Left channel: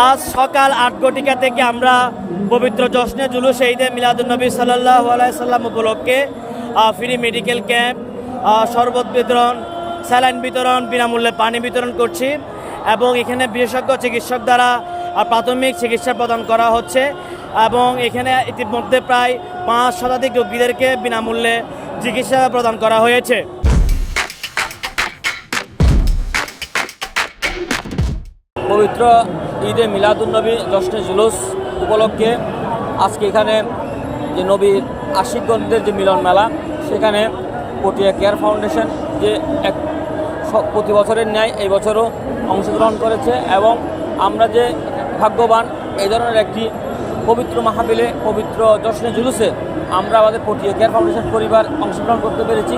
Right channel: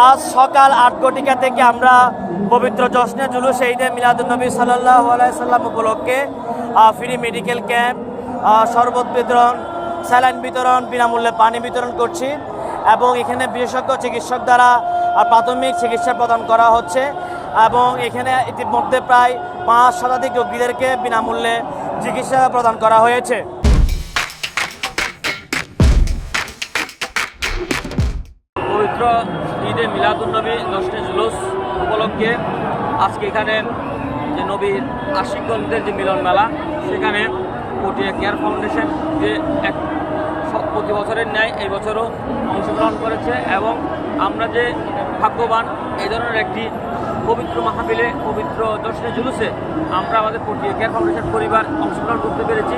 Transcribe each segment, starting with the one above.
আজ সকাল ৮ ঘটিকা থেকে আমরা পবিত্র জশ্নে জুলুস ঈদে মিলাদুন্নবী সাল্লাল্লাহু আলাইহি সাল্লাম উপলক্ষে ফ্রি মেডিকেল ক্যাম্প, শরবত বিতরণ, স্যালাইন বিতরণ, বিনামূল্যে পানি বিতরণ করছি এবং এখানে বিশেষজ্ঞ চিকিৎসক দ্বারা প্রাথমিক চিকিৎসা প্রদান করা হচ্ছে এবং এখানে ইতিমধ্যে প্রায় ৫ শতাধিক রোগীদেরকে বিনামূল্যে চিকিৎসা প্রদান করা হয়েছে। পবিত্র ঈদে মিলাদুন্নবী জশ্নে জুলুস উপলক্ষে আজকে এখানে যে নবীর আশিকগণদের যে মিলন মেলা, সেখানে পটিয়া কেয়ার ফাউন্ডেশন যে এক প্রতি বছরের ন্যায় এই বছরও অংশগ্রহণ করেছে এবং আমরা যে ভাগ্যবান এই ধরনের একটি পবিত্র মাহফিলে, পবিত্র জশ্নে জুলুসে আমরা আমাদের পটিয়া কেয়ার ফাউন্ডেশন পরিবার অংশগ্রহণ করতে পেরেছি।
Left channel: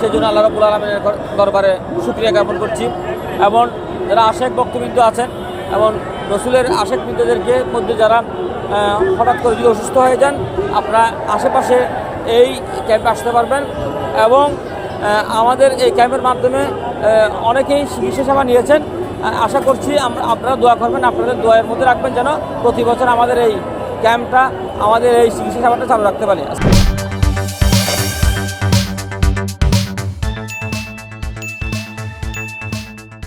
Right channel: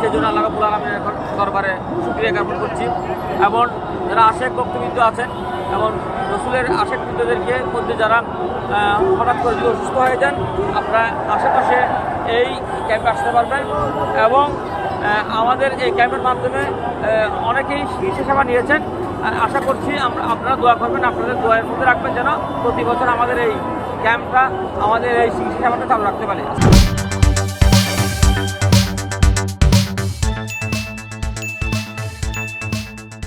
সেজন্য আল্লাহ রাব্বুল আলামিনের দরবারে শুকরিয়া জ্ঞাপন করছি এবং যারা আশেক ভক্তবৃন্দ আছেন এবং রসুলের আশেক বৃন্দদেরকে মধ্যে যারা হঠাৎ করে যদি অসুস্থ হয়ে যান, আপনারা আশেপাশে এই ক্যাম্পে আসতে পারবেন এবং আমাদের এই ক্যাম্পের মাধ্যমে অনেকেই চিকিৎসা সেবা নিয়েছেন। আশা করছি আপনারা দোয়া করবেন, আপনাদের দোয়ার মধ্যে রাখবেন যেন প্রতি বছর আমাদের এই ক্যাম্পটা, আমাদের এই চিকিৎসা সেবাটা চালু রাখতে পারি।